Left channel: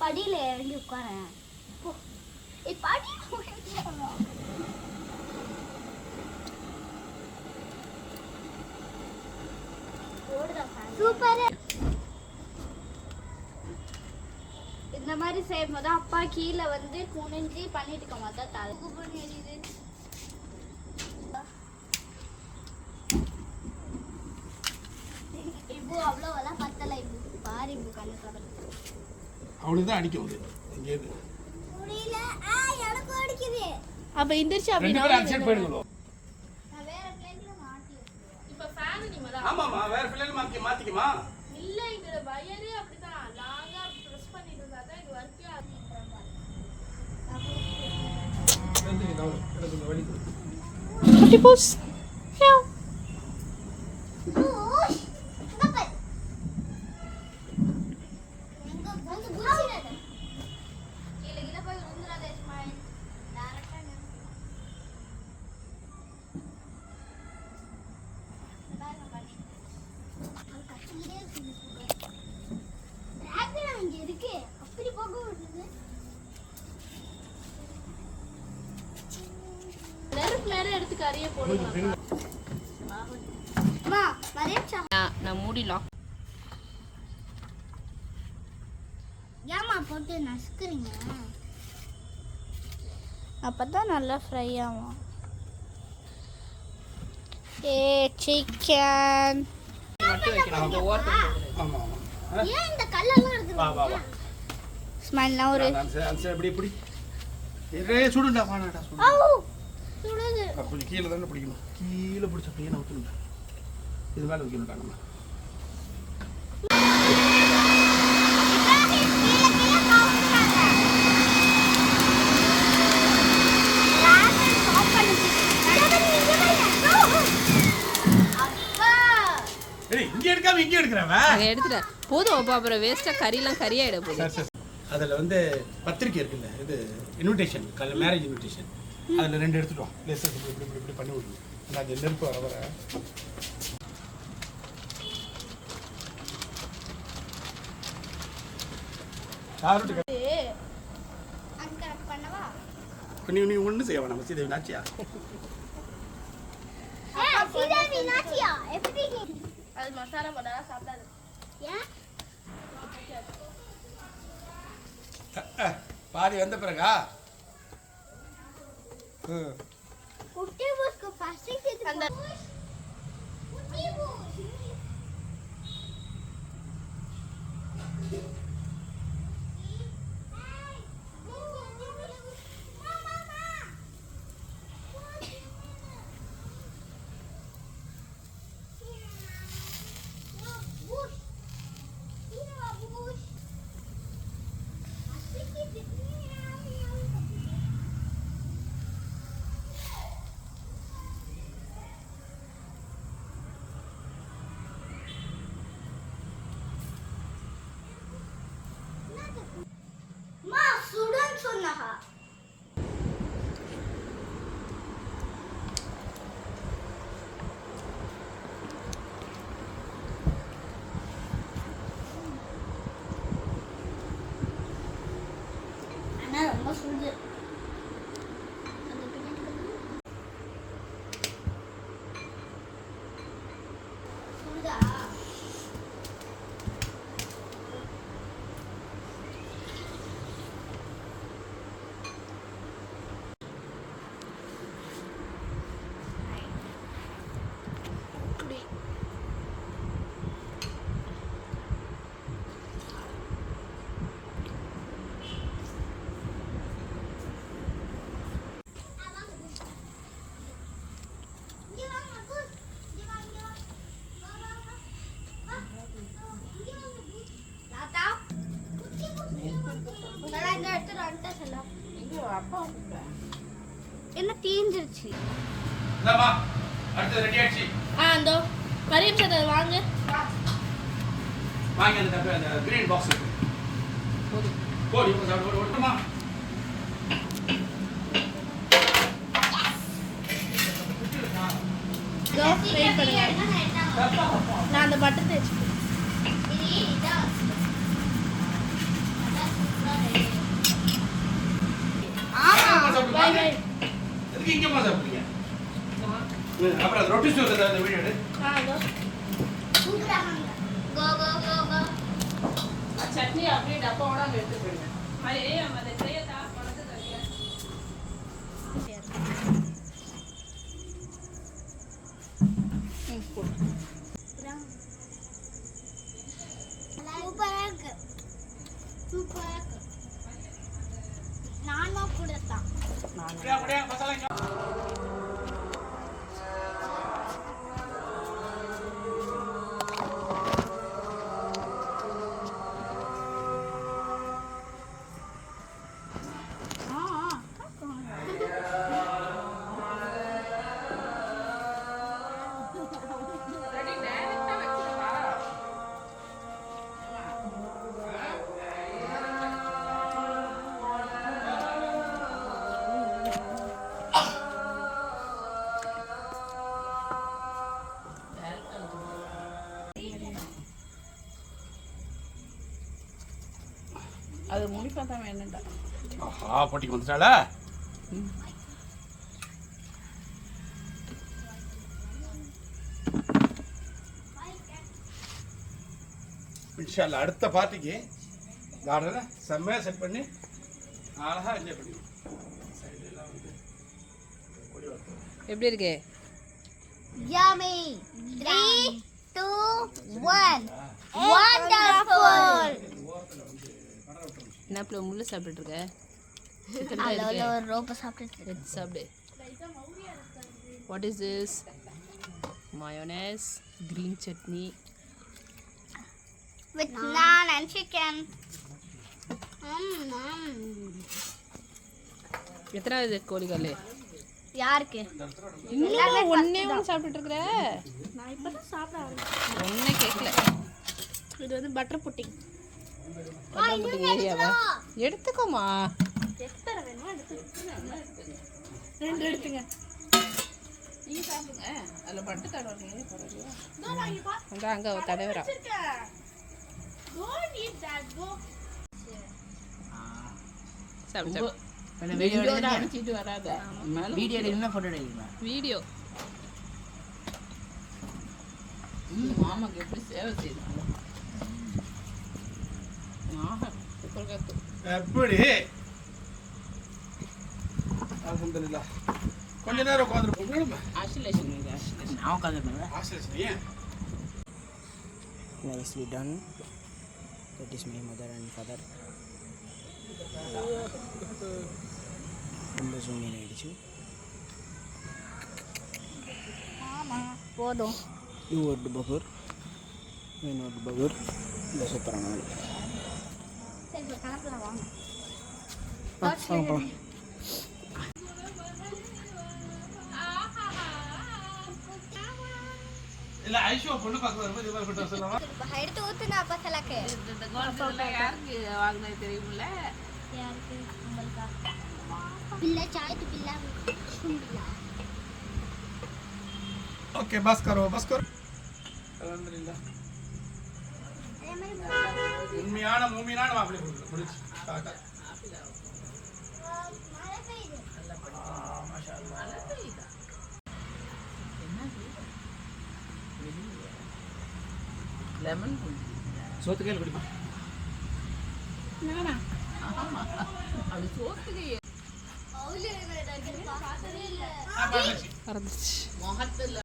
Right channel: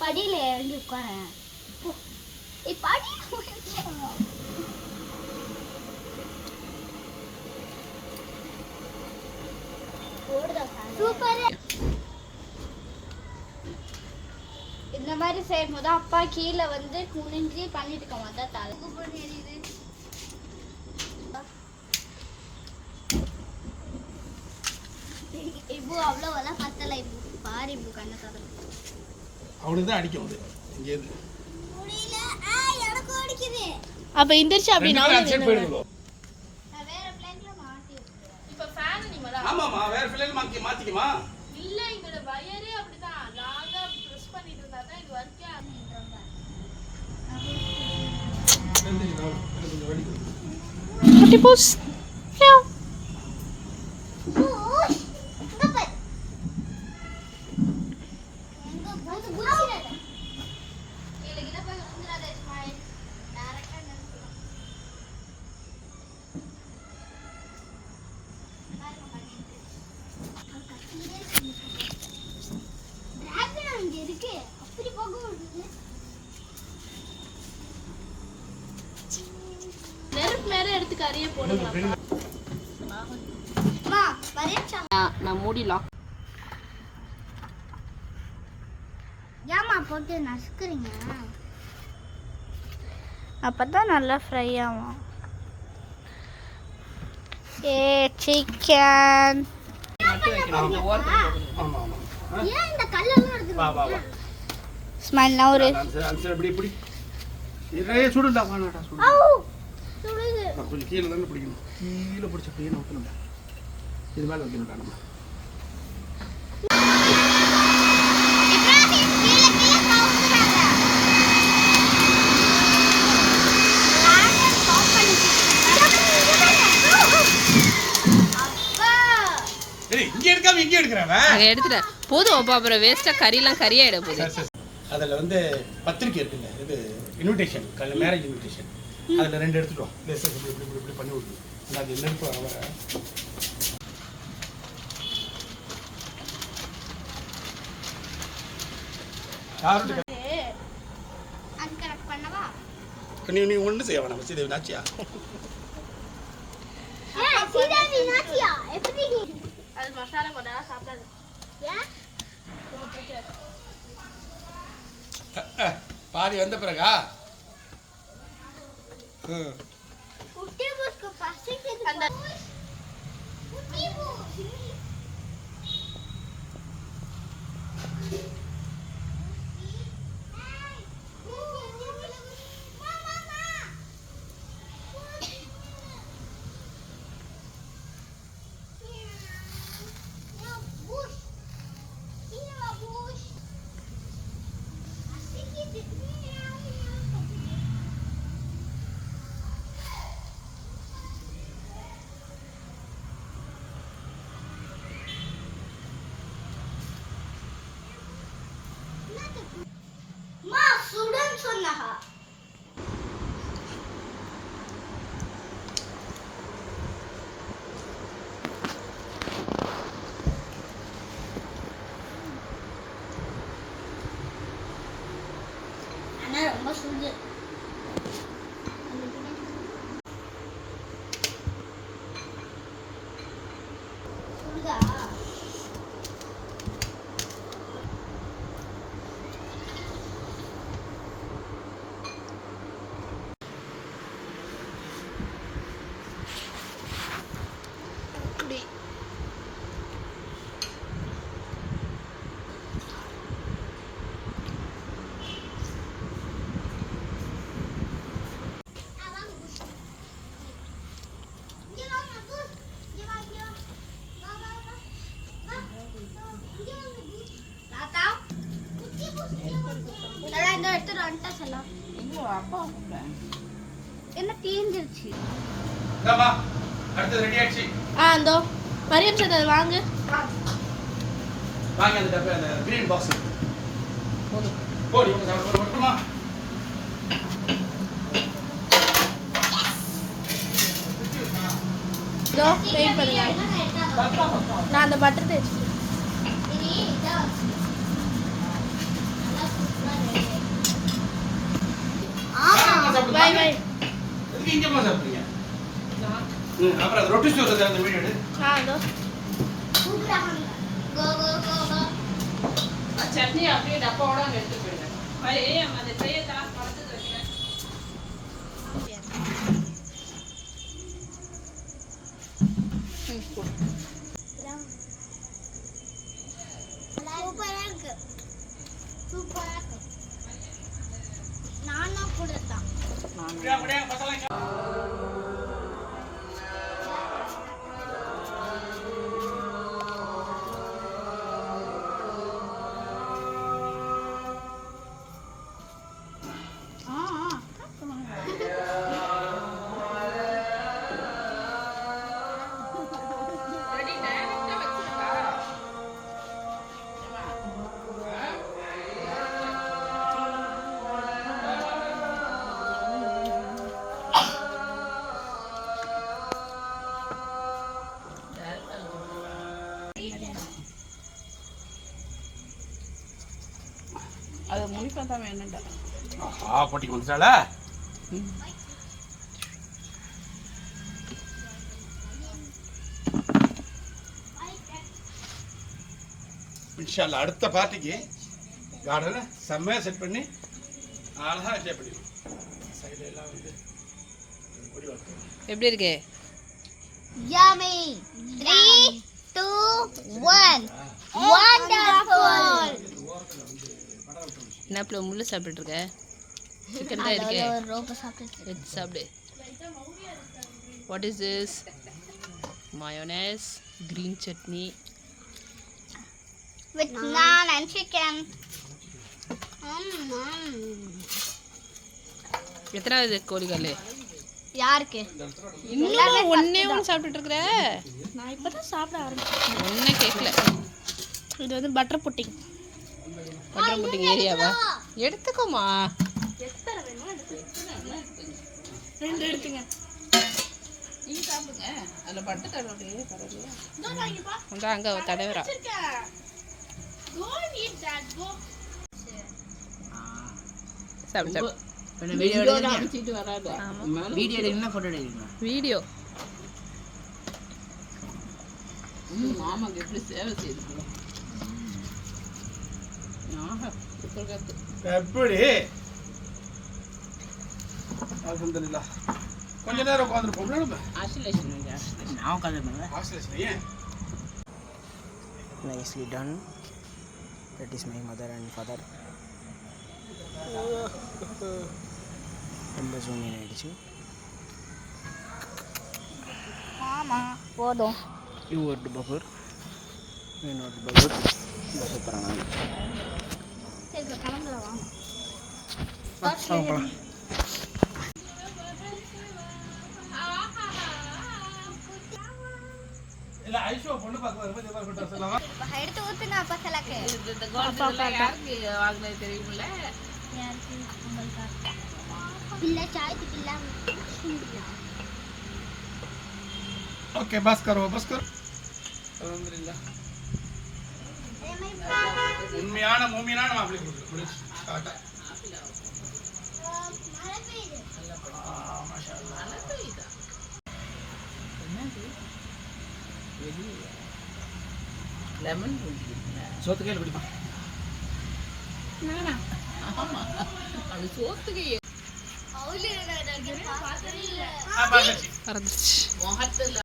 படியில இறங்கி உட்கார சூப்பர். இந்த மாதிரி செய்யும் போது அப்பா கீழே வந்து குனிஞ்சு பண்ணிட்டு இருக்க மாட்டா தலை எரியுது. இப்போ அவ்வளோவெல்லாம் பத்தலை. இப்போ பாரு இப்போ கண்ணை தரல அவனுக்கு தான் அடிக்க முடியும். இங்கேருந்து முடியல. எனக்கு அடிக்குது. அப்போ இந்திரிச்சு அப்படி நான் போயிடுவோம். வேற பிளேன்ல மாட்டி வச்சிருக்கேன். இப்போ ஃபேன் நீ மேல ஆமாமா வேற பிளேன் மாத்திக்குமா? இல்ல இதோட வயரே அப்படிதான். லாங்கா பிரஸ் பண்ணிட்டு இருந்தா தான் இது வர்க்கே ஆகும். கொஞ்சம் வலிக்குது. குட்டி பூஸ். மியாவ். எடுத்து கறியை போடுங்க. நான் மூடி லாக். ஏமா போட்டு நசுக்குறீங்க? அப்பதான் நல்லா ஃப்ரை ஆகும். சிக்கன் ஏன் இந்த கல்லெல்லாம் இருக்குது? ஸ்மைல் நான் ஒரு சுடுண்டா வாடா சுடு. சுடுது. கொஞ்சம் கீழே தானே பிடிக்கணும். கீழே பிடிச்ச பையனை ஊற்றணும்டா. இது மேலே வைக்கணும்டா நம்ம. இங்கே எடுக்காம இங்கே எடுக்கிறவன் எடுத்துட்டேன் போதும். அப்போ அப்புறம் வேஸ்ட்டாக கறியெல்லாம் கறியாயிட போகுது. அதில் வந்து பத்திரிக்கை இருக்குல்ல, இது இன்விடேஷன், மேரேஜ் இன்விடேஷன், அதில் 2 எடுத்துட்டோம். இப்படி பண்ணி விடுவோம். அது நெருப்பு வர வர நீ ஒன்று செய்ய வேணாம். சீதேவி நாச்சியா அது மசாலா போட்டா சாப்பிடாது. பாதி வந்த பிறகா ரொம்ப சுடு. சுடுதா? என்ன தீந்துருச்சு? அடுத்து ரெடி ஆயிடுச்சு. அந்தோ மரியம் சார் வாங்க வாங்க அந்த டப்பா அந்த கிரீன் பாக்ஸ் போடு போடு இவங்க சாப்பிட போடுமா? இதோ வெயிட் பண்ணுங்க. நான் அந்த பட்டர் தேய்ச்சி இது இதான் வச்சு. நல்லா சூப்பரா இருக்கு. Bye bye. எதுக்கு இங்கேம்மா சாப்பிடுறீங்க? அப்புறம் ரொட்டி சோறு அந்த வீடியோ எடு. அதோ சூப்பரா இருக்கு. கோ கோ கோ கோ. சட்னி அப்படியே டப்பாவோட அங்கே எடுத்து போயிடுவேன் மாதிரி அந்த ட்ரையை தான் பழத்துக்கு வைக்கிறேன். சூப்பரா இருக்கு. சூப்பரா இருக்கு. நானும் கூட தான். அப்படியே மசாலா இங்க. ரெடி நேரத்தை வச்சுருக்கா அது முனிப்பா தான் வேணும்டா. ஆஹா போட்டிக்கு வந்துட்டாளா? இன்ஷால்லா அடுத்த பார்ட்டிக்கு கார்டனை செம்மையாக செட் பண்ணி அழகாக என்ஜாய் பண்ணுவீங்க. சைடில் எல்லாம் வந்து கொடி வளர்த்து. எப்படி இருக்கு? Yummy. 3, 2, 1. Wonderful. என்ன பிள்ளை முள்ளு சாப்பிட்டுட்டு இருக்க? சிக்கன் தான் இருக்கே. ஒரு ரோபோ சாப்பிட்டு எடுத்து சாப்பிடு. What is this? Mayonnaise, green chutney. with naan and chicken. எத்தனாவது கோழிகள்? யாருக்கு? இன்னும் ஒண்ணே ஒன்று சாப்பிட்டுட்டு இருக்கிற? நான் இப்போ தான் சாப்பிட ஆரம்பிச்சேன். ஒன்றே கேட்கல. இது வந்து பட்டர் புட்டிங். பட்டர் புட்டிங் ஏரியாவா? எடுத்துக்கோமா. எத்தனை வேணுமோ ரெண்டு எடுத்துங்க. நீங்கள் சாப்பிடுங்க. அதில் பட்டு தடவை பரவாயில்லையா? இதோ நான் இங்க பா. அந்த அங்கே தடவைரா. வச்சிருக்கேன். Go and eat that. Go. சாப்பிடு சாப்பிடு. வீடியோ எடுக்கணும்னா ஃபோட்டோ எடுக்கலாம். வீடியோ மாமாக்கு எப்படி சேவை செய்யணும்? எப்படி அல்ஹம்துலில்லாஹ். கொஞ்ச நேரம் உட்காந்துருப்போம்ல நம்ம. ஆசிலேஷன் நான் உட்காந்துருப்பேன். ஆஸ்திரேலியா ஏன்? Nicely done. That is my mother and father. ரொம்ப ஜூம் இன் ஆயிடுச்சு. போதும். இது ஒரு பகூர், இன்னொரு பகூர். இந்த சூப்பரான சரி இப்போ கிளம்புறோம் வாங்க. பார்க்கலாம். இல்ல ஐஷோ பொண்ணு பார்க்க வரும்போது இவன் கிட்ட சொல்லலாமா? எடுத்து ஊத்துங்க அப்பா செலக்கு. யாருக்கு வாங்கினது தெரியுமில்ல? யாருக்கு? உங்களுக்கா? இல்ல சாயத்துக்கு இல்ல. ओके बस करो அல்ஹம்துலில்லாஹ். உண்மையான மூமினான மாப்பிள்ளை கொடுத்து முடிச்சு காட்டா. லெமன் சோத்து கையில் பிடிப்பா. அது சோத்துக்கு பார்த்ததே இல்ல. பாத்துச்சு பறந்துச்சு. முகத்தில்